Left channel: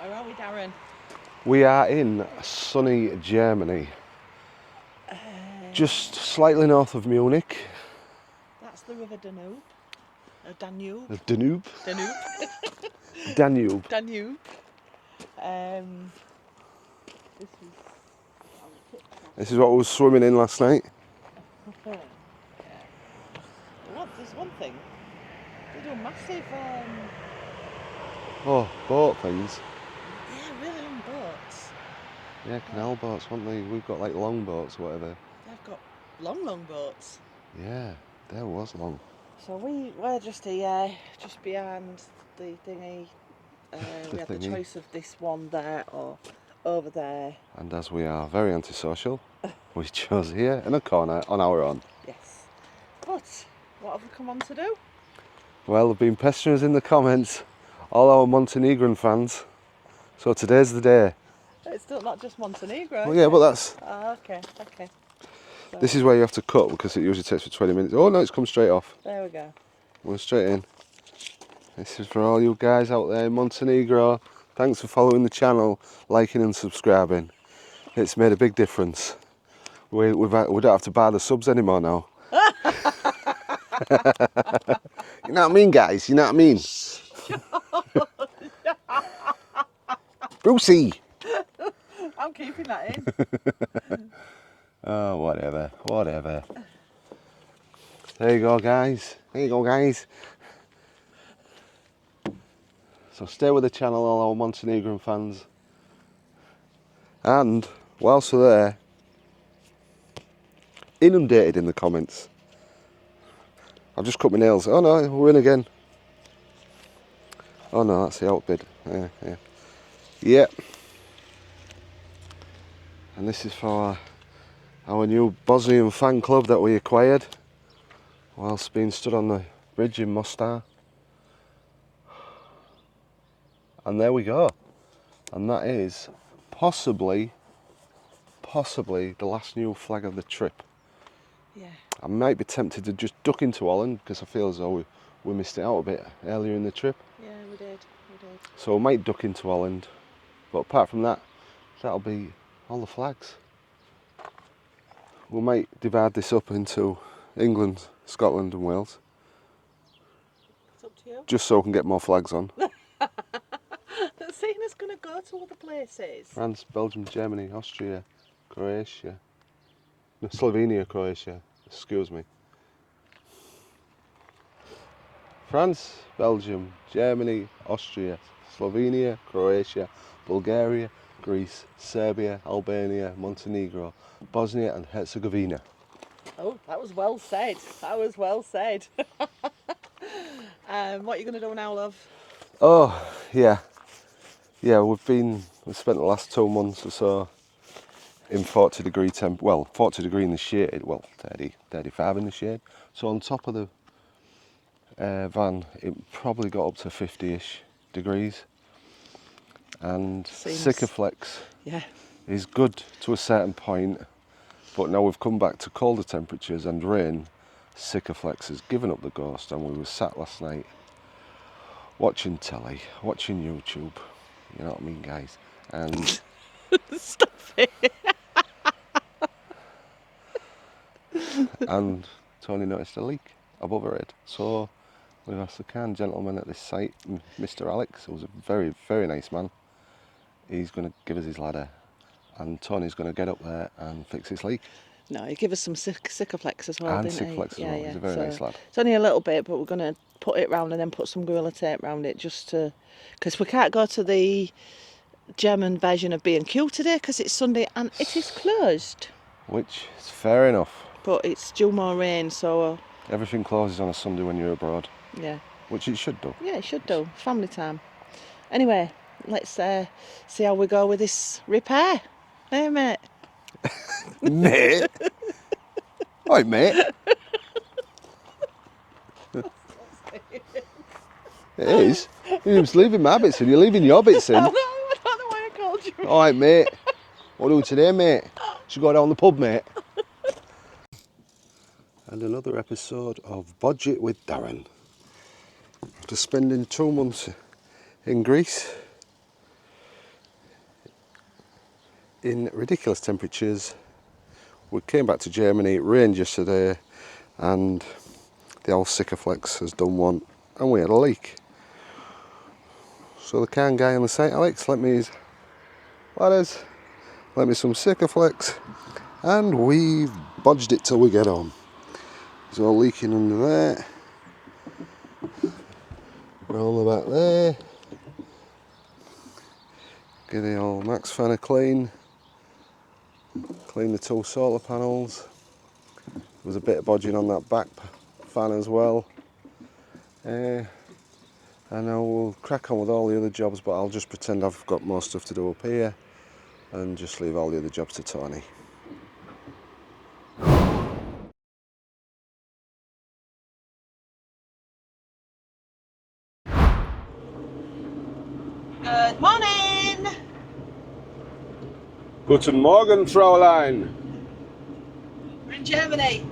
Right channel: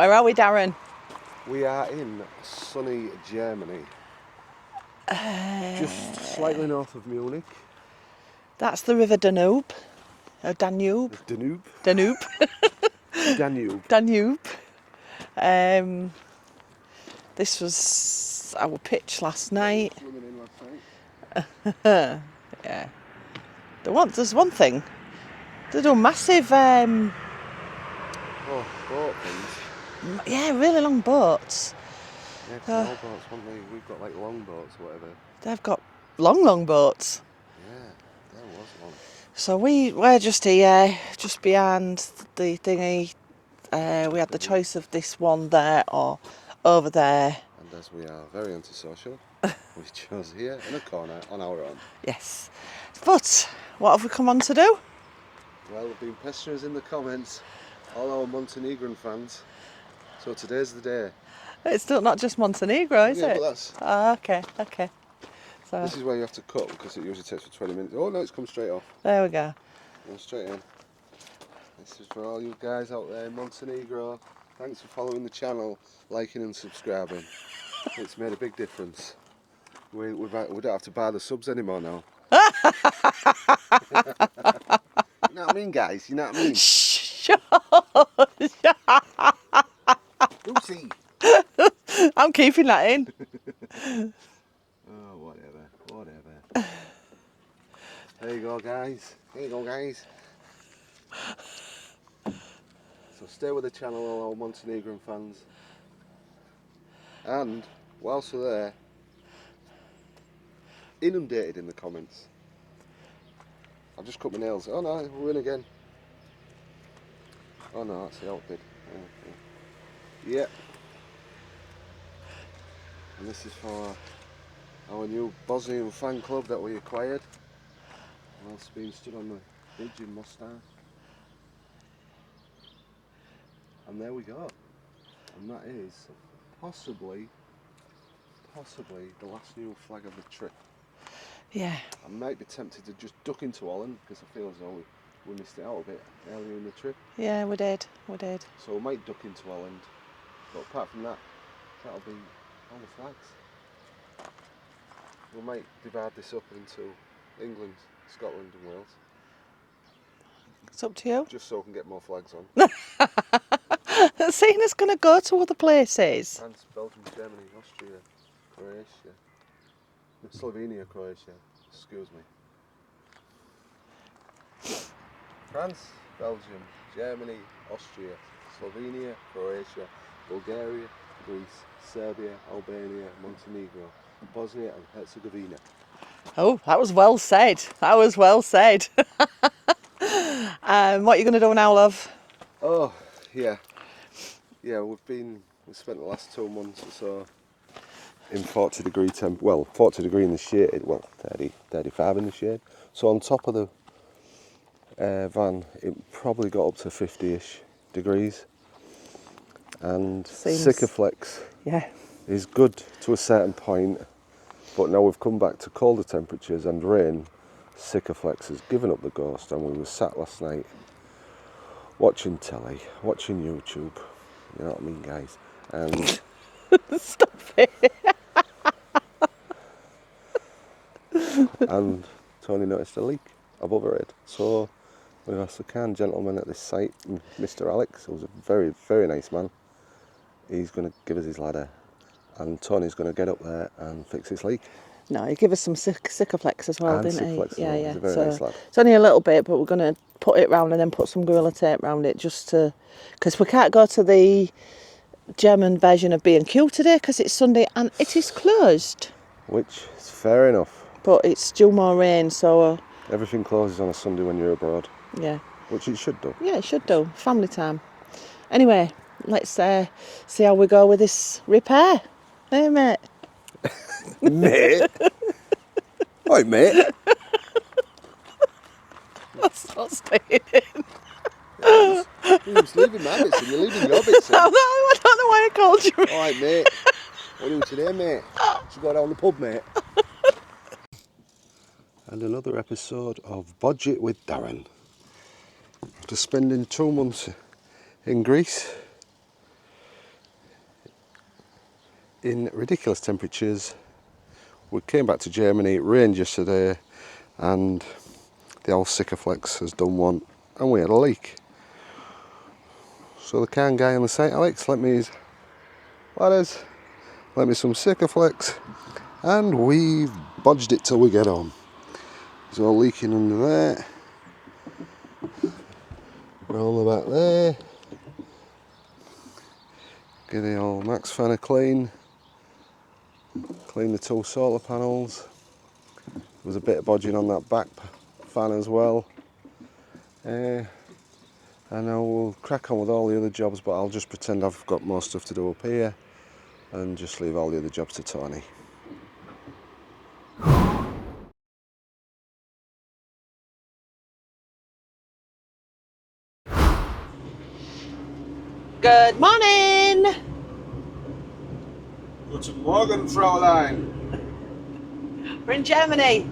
Where are we, Darren? We are in sunny Germany. Just slightly north of Munich. That's the River Danube. Danube. Danube? Danube. Danube. Danube. This was our pitch last night. This is what I was swimming in last night. Yeah. There's one thing. They do massive, boat things. yeah, really long boats. Yeah, canal boats, haven't they? We've got like long boats, whatever. They've got long boats. Yeah, there was long. So we're just here, just behind the thingy. We had the choice of this one there or over there. And as we are very antisocial, we chose here in a corner on our own. Yes. But what have we come on to do? Well, they've been pestering us in the comments, all our Montenegrin fans. So today's the day. It's still not just Montenegro, is it? Yeah, but that's... Oh, okay. So, this is where you have to cut because it usually takes for 20 minutes. Oh no, it's come straight off. there we go. Went straight in. This is for all you guys out there in Montenegro. Thanks for following the channel, liking and subscribing. It's made a big difference. We don't have to buy the subs anymore now. You know what I mean, guys? You know what I mean? Brucey! I'm keeping that in. Oh, whatever. There you go, guys. So stay with the channel, all our Montenegrin fans. And whilst we're there, inundated in the comments. I've just cut my nails. Oh no, we're in again. Oh no, that's the outbid. Yeah. And this is for our new Bosnian fan club that we acquired whilst being stood on the bridge in Mostar. And there we go. And that is possibly the last new flag of the trip. Yeah. I might be tempted to just duck into Holland because I feel as though we missed it out a bit earlier in the trip. Yeah, we did. So we might duck into Holland. But apart from that, that'll be all the flags. We might divide this up into England, Scotland and Wales. It's up to you. Just so we can get more flags on. Syna's going to go to other places. France, Belgium, Germany, Austria, Croatia. No, Slovenia, Croatia. Excuse me. France, Belgium, Germany, Austria, Slovenia, Croatia, Bulgaria, Greece, Serbia, Albania, Montenegro, Bosnia and Herzegovina. Oh, that was well said. What are you going to do now, love? Oh, yeah. Yeah, we've spent the last 2 months or so in 40 degree temp. Well, 40 degree in the shade. Well, 30, 35 in the shade. So on top of the van, it probably got up to 50-ish degrees. And Sikaflex is good to a certain point, but now we've come back to colder temperatures and rain. Sikaflex has given up the ghost, and we were sat last night watching telly, watching YouTube. You know what I mean, guys? And stop it. And Toni noticed a leak above her head. So we asked the kind gentleman at this site, Mr. Alex, who's a very, very nice man. He's going to give us his ladder, and Toni's going to get up there and fix this leak. No, he gave us some Sikaflex as well, didn't he? Yeah. He's a very nice lad. It's only a little bit, but we're going to put it round and then put some Gorilla Tape round it just to... Because we can't go to the German version of B&Q today because it's Sunday and it is closed. Which is fair enough. But it's due more rain, so... Everything closes on a Sunday when you're abroad. Yeah. Which it should do. Yeah, it should do. Family time. Anyway, let's see how we go with this repair. Hey, mate. Mate? Right, mate. That's not staying in. It is. You're just leaving my bits in, you're leaving your bits in. I don't know why I called you. Alright, mate. What are we doing today, mate? Should go down the pub, mate. And another episode of Budget with Darren. After spending 2 months in Greece, in ridiculous temperatures. We came back to Germany, it rained yesterday, and the old Sikaflex has done one, and we had a leak. So the kind guy on the site, Alex, lent me some Sikaflex, and we've bodged it till we get home. There's all leaking under there, roll the back there, get the old Max fan clean the two solar panels. There was a bit of bodging on that back fan as well. And now we'll crack on with all the other jobs, but I'll just pretend I've got more stuff to do up here and just leave all the other jobs to Toni. Good morning! Guten Morgen, Fräulein. We're in Germany.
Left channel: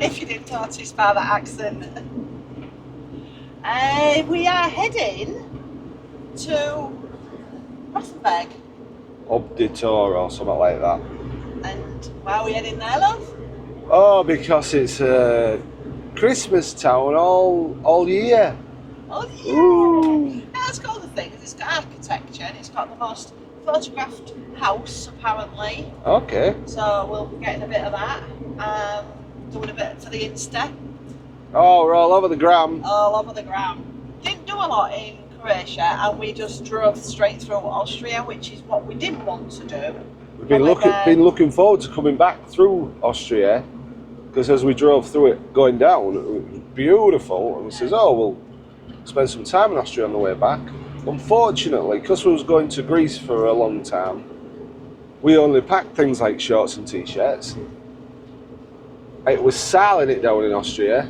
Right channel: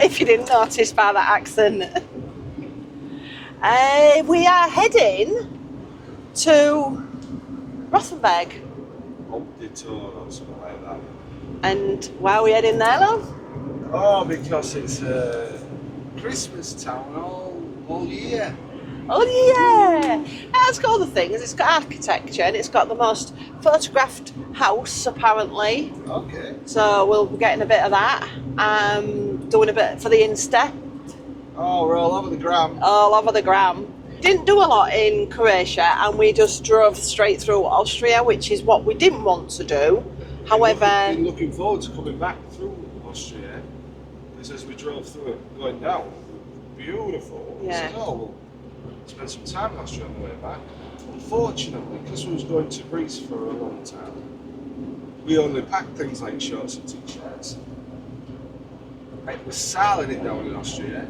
If you didn't notice by that accent. We are heading to Rothenburg. Obditor or something like that. And why are we heading there, love? Oh, because it's a Christmas town all year. Oh yeah! It's got other things. It's got architecture and it's got the most photographed house apparently. Okay. So we'll be getting a bit of that. Doing a bit for the Insta. Oh, we're all over the gram. All over the gram. Didn't do a lot in Croatia and we just drove straight through Austria, which is what we didn't want to do. We've been looking forward to coming back through Austria, because as we drove through it going down, it was beautiful. And we says, oh, we'll spend some time in Austria on the way back. Unfortunately, because we was going to Greece for a long time, we only packed things like shorts and t-shirts. It was sailing it down in Austria,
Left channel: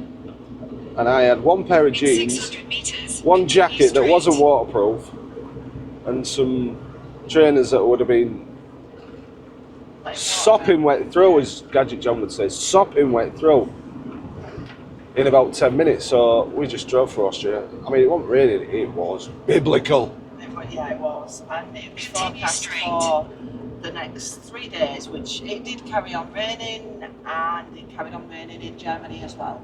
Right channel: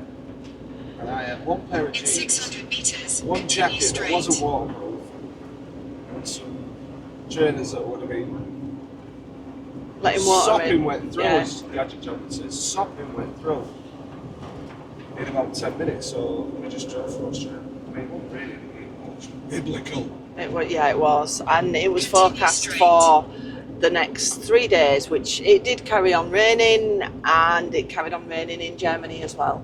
and I had one pair of jeans, one jacket that wasn't waterproof, and some trainers that would have been sopping wet through, as Gadget John would say, sopping wet through in about 10 minutes. So we just drove through Austria. I mean, it wasn't raining, it was biblical. It was, and it was forecast for the next 3 days, which it did carry on raining, and it carried on raining in Germany as well.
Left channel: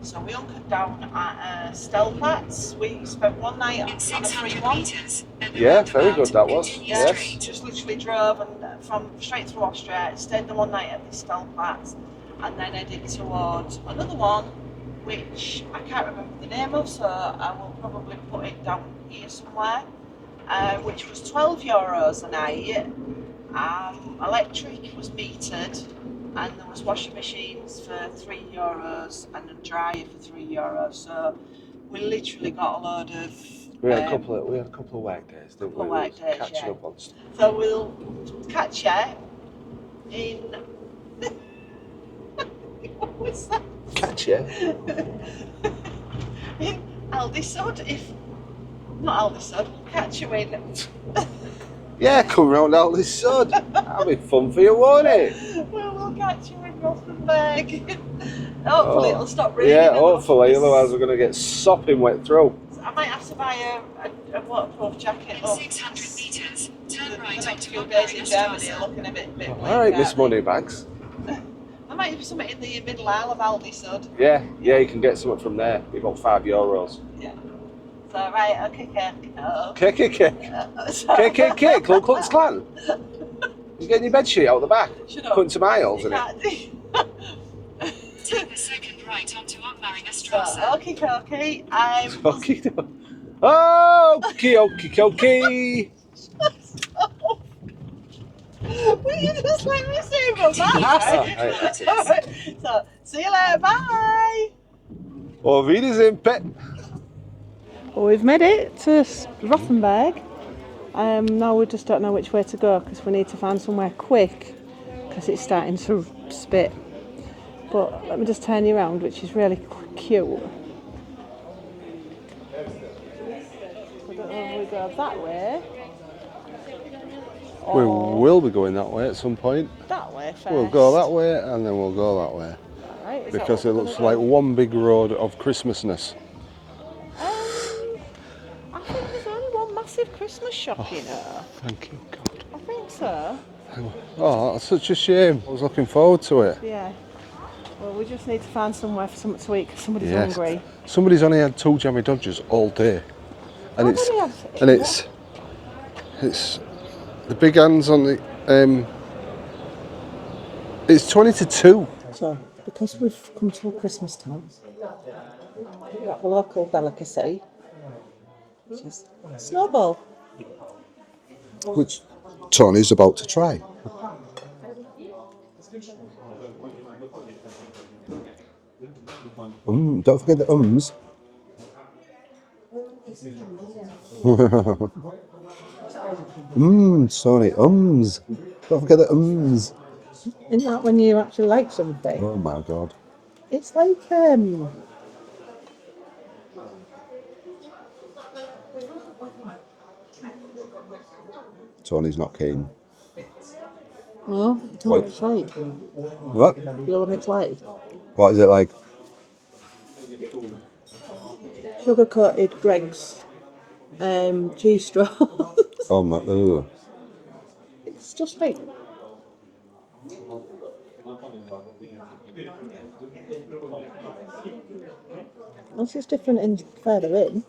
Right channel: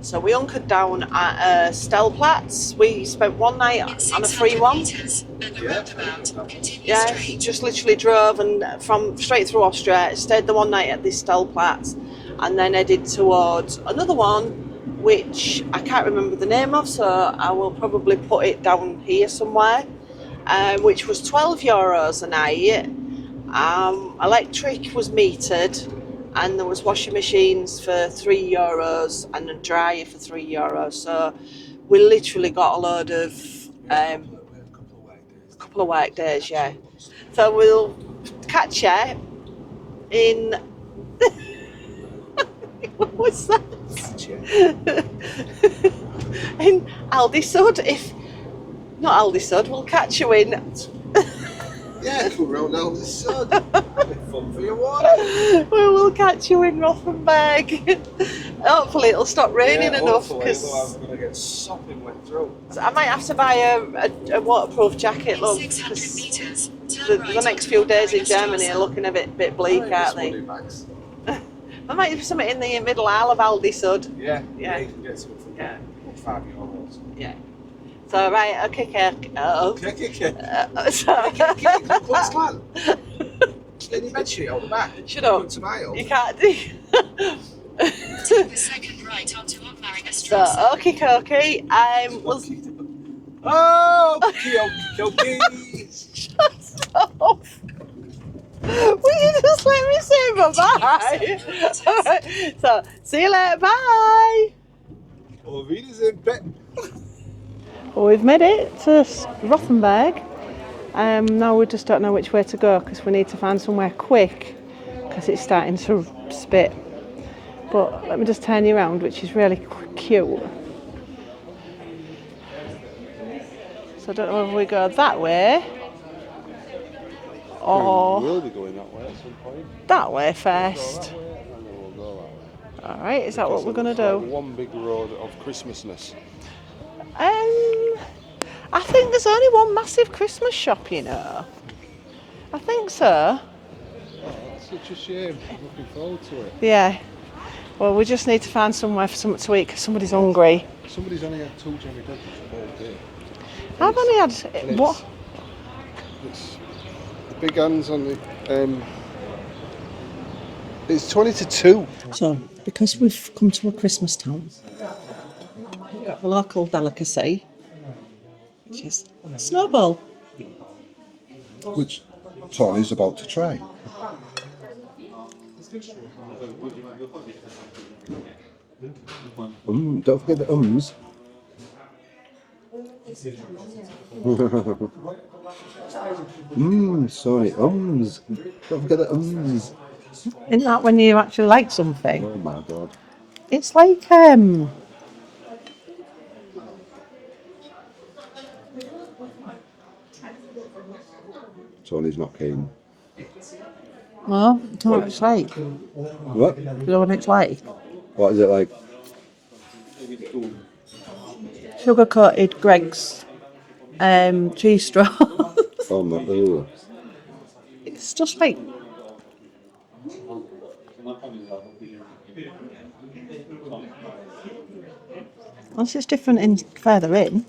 So we hunkered down at Stellplatz. We spent one night on a free one. Yeah, very good that was. Yeah, yes. Just literally drove and from straight through Austria, stayed the one night at this Stellplatz, and then headed towards another one, which I can't remember the name of, so I will probably put it down here somewhere, which was €12 a night. Electric was metered, and there was washing machines for €3 and a dryer for €3. So we literally got a load of. We had a couple of work days. Couple of work days, yeah. So we'll catch you in. What was that? Catch you in Aldisud. If not Aldisud, we'll catch you in. Yeah, come round Aldisud. That'll be fun for you, won't it? We will catch you in Rothenburg. Hopefully it'll stop raining enough. Hopefully, otherwise we're going to get sopping wet through. I might have to buy a waterproof jacket, love. The next few days in Germany are looking a bit bleak, Alright, aren't this they? money bags. There might be something in the middle aisle of Aldisud. Yeah, you can get something from there. You've got €5. Yeah. So right, okay. KKK, Ku Klux Klan. You getting your bedsheet out the back? Shut up. Putting some aisles You in can't do. Take the second right onto Ottmaringerstrasse. So, okay. Okay. Shut up. Will you just let me say bye-bye? Right. So, see you later, bye. Auf Wiedersehen, Pet. Well, we've made it to Rothenburg. Now we just don't know which way to go because we need to find somewhere quick because it's starting to spit. But let me just turn you around, which is really cute. So I don't know whether we go that way or We will be going that way at some point. that way first. We'll go that way and then we'll go that way. Alright, is that what we're going to do? Because it looks like one big road of Christmasness. I think there's only one massive Christmas shop, you know. Thank you, God. I think so. Oh, that's such a shame. I was looking forward to it. Yeah. Well, we just need to find somewhere for something to eat because somebody's Yes. hungry. Somebody's only had 2 jammy Dodgers all day. I've only had... It's the big hands on the... it's 20 to 2. So, because we've come to a Christmas town, we've got a local delicacy, which is snowball. Which Tony's about to try. Don't forget the ums. Sorry, ums. Don't forget the ums. Isn't that when you actually like something? Oh my god. It's like, Tony's not keen. well, I don't know what it's like. What? You know what it's like? What is it like? Sugar-coated Greg's cheese straw. Oh my god. It's just like... This is different in further in.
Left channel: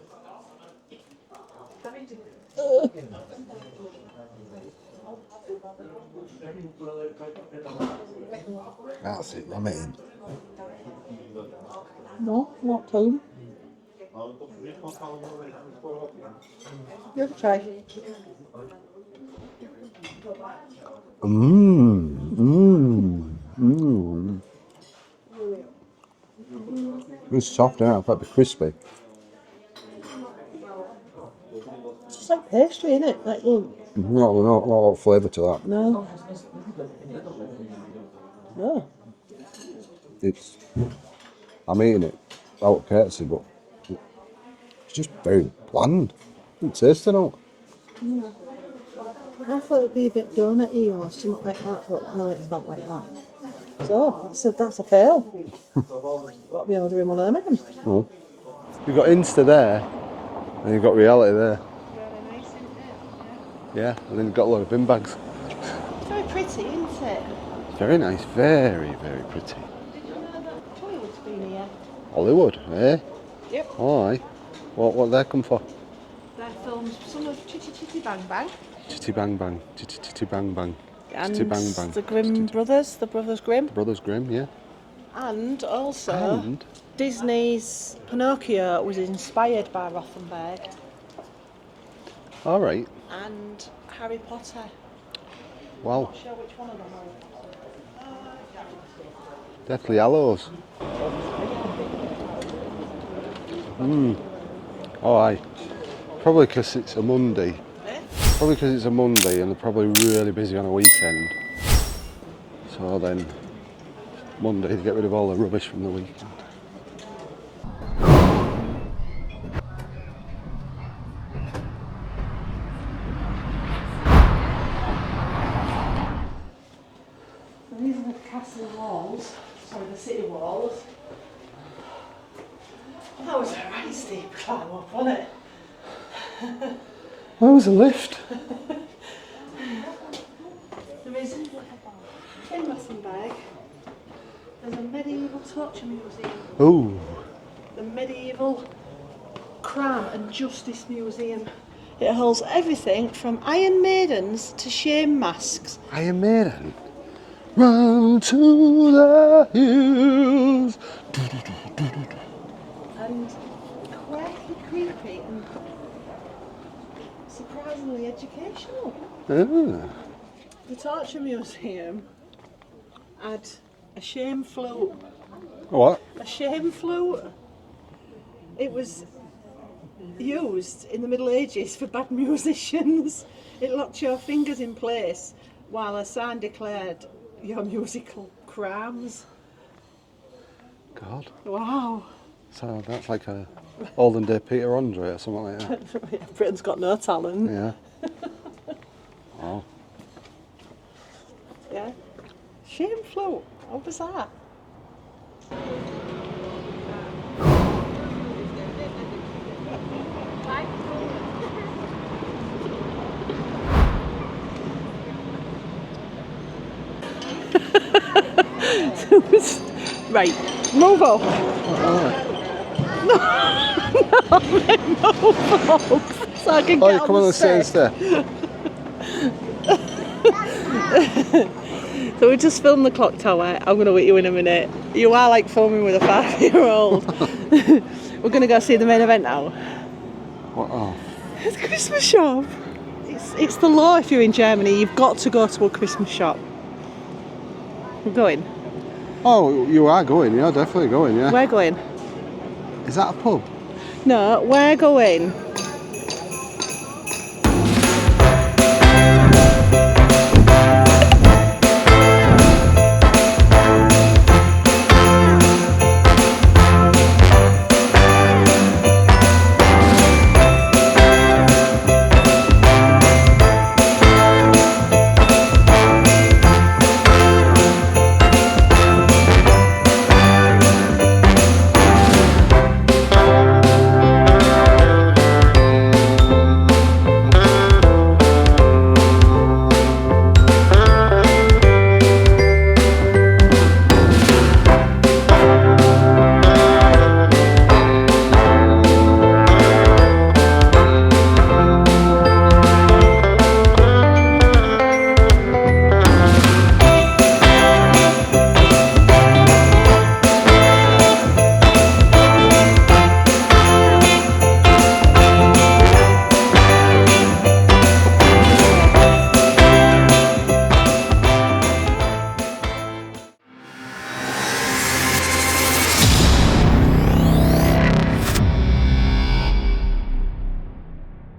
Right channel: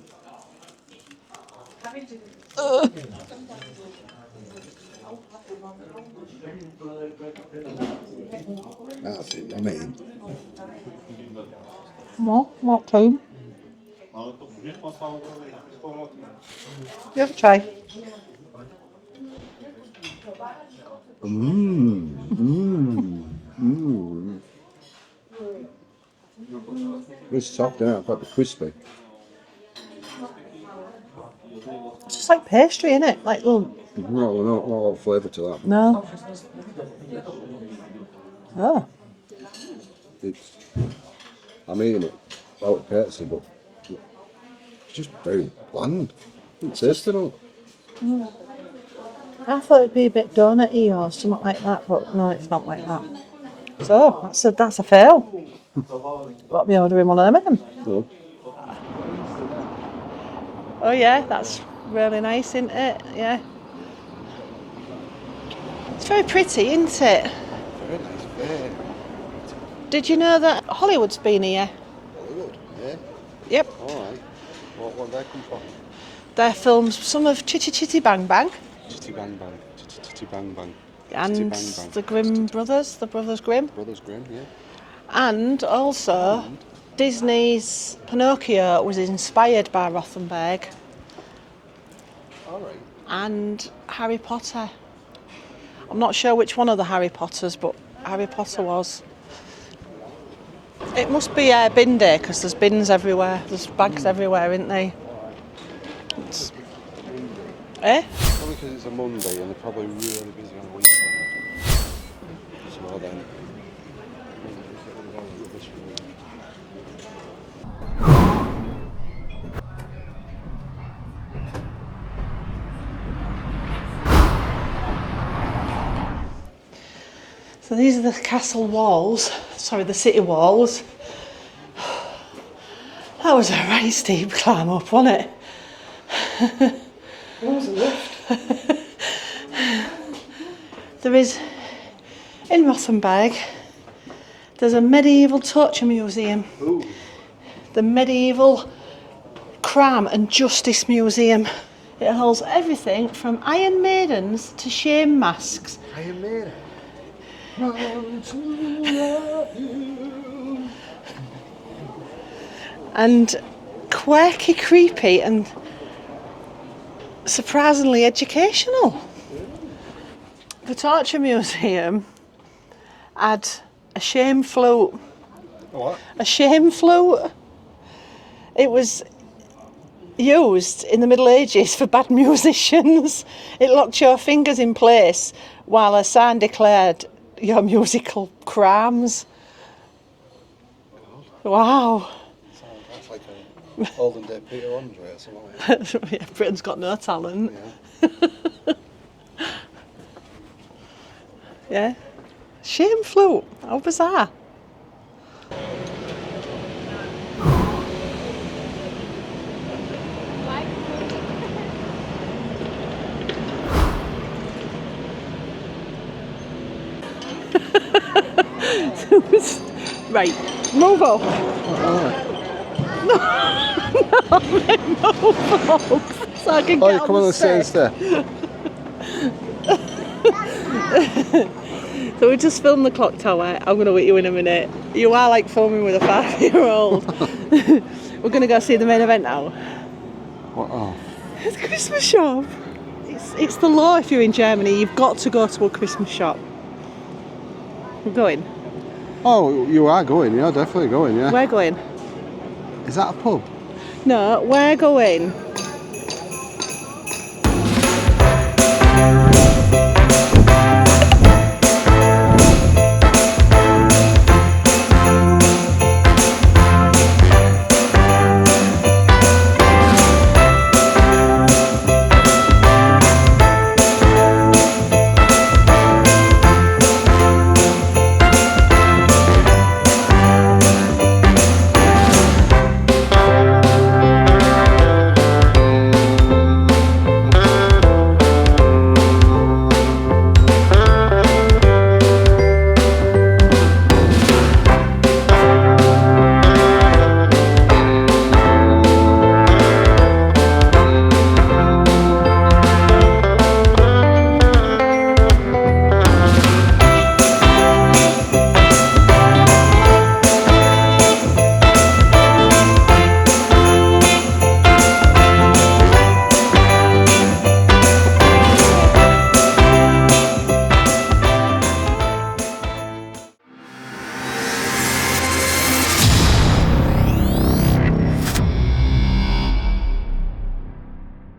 That's it, I mean. No, not too. You have a try. It's soft now, quite a bit crispy. It's just like pastry, isn't it? Like, well, Not a lot of flavour to that. no. Oh. It's, I'm eating it out of courtesy, but it's just very bland. It's tasty now. I thought it'd be a bit donut-y or something like that, but no, it's not like that. So, that's a fail. Got to be ordering one of them again. Oh. You've got Insta there, and you've got Oh yeah, reality that's really nice, isn't it? Yeah. there. Yeah, and then you've got a lot of bin bags. It's very pretty, isn't it? Very nice, very, very pretty. Did you know that Hollywood's been here? Hollywood, eh? Yep. All right. What they come for? They filmed some of Chitty Chitty Bang Bang. Chitty bang bang, chitty chitty bang bang. And Chitty bang bang. the Grimm brothers, the Brothers Grimm. Brothers Grimm, yeah. And also, And? Disney's Pinocchio was inspired by Rothenburg. All right. And Harry Potter. Wow. I'm not sure which one of the Harry Potters, but Harry Potter was. Definitely yellows. It must be bin day because there's bins everywhere. There's bags everywhere, isn't there? Oh, aye. Probably because it's a Monday. Eh? Probably because it's a Monday and they're probably really busy on a weekend. So then, Monday to get rid of all the rubbish from the weekend. So these are the castle walls. Sorry, the city walls. That was a right steep climb up, wasn't it? That was a lift. There is, in Rothenburg, there's a medieval torture museum. Ooh. The Medieval Crime and Justice Museum. It holds everything from Iron Maidens to shame masks. Iron Maiden. Run to the hills. And quirky, creepy and surprisingly educational. Ooh. The Torture Museum had a shame flute. What? A shame flute. It was used in the Middle Ages for bad musicians. It locked your fingers in place while a sign declared your musical crimes. God. Wow. So that's like a olden day Peter Andre or something like that. Yeah, Britain's got no talent. Yeah. Yeah. Shame flute. How bizarre. Right, move up. Move up. So I can Oh, get you come on the stairs. stairs there. So we just filmed the clock tower. I'm going to wait you in a minute. You are like filming with a 5-year-old. We're going to go see the main event now. What? Oh. It's a Christmas shop. It's the law if you're in Germany. You've got to go to a Christmas shop. We're going. Oh, you are going. You're definitely going. Yeah. We're going. Is that a pub? No, we're going.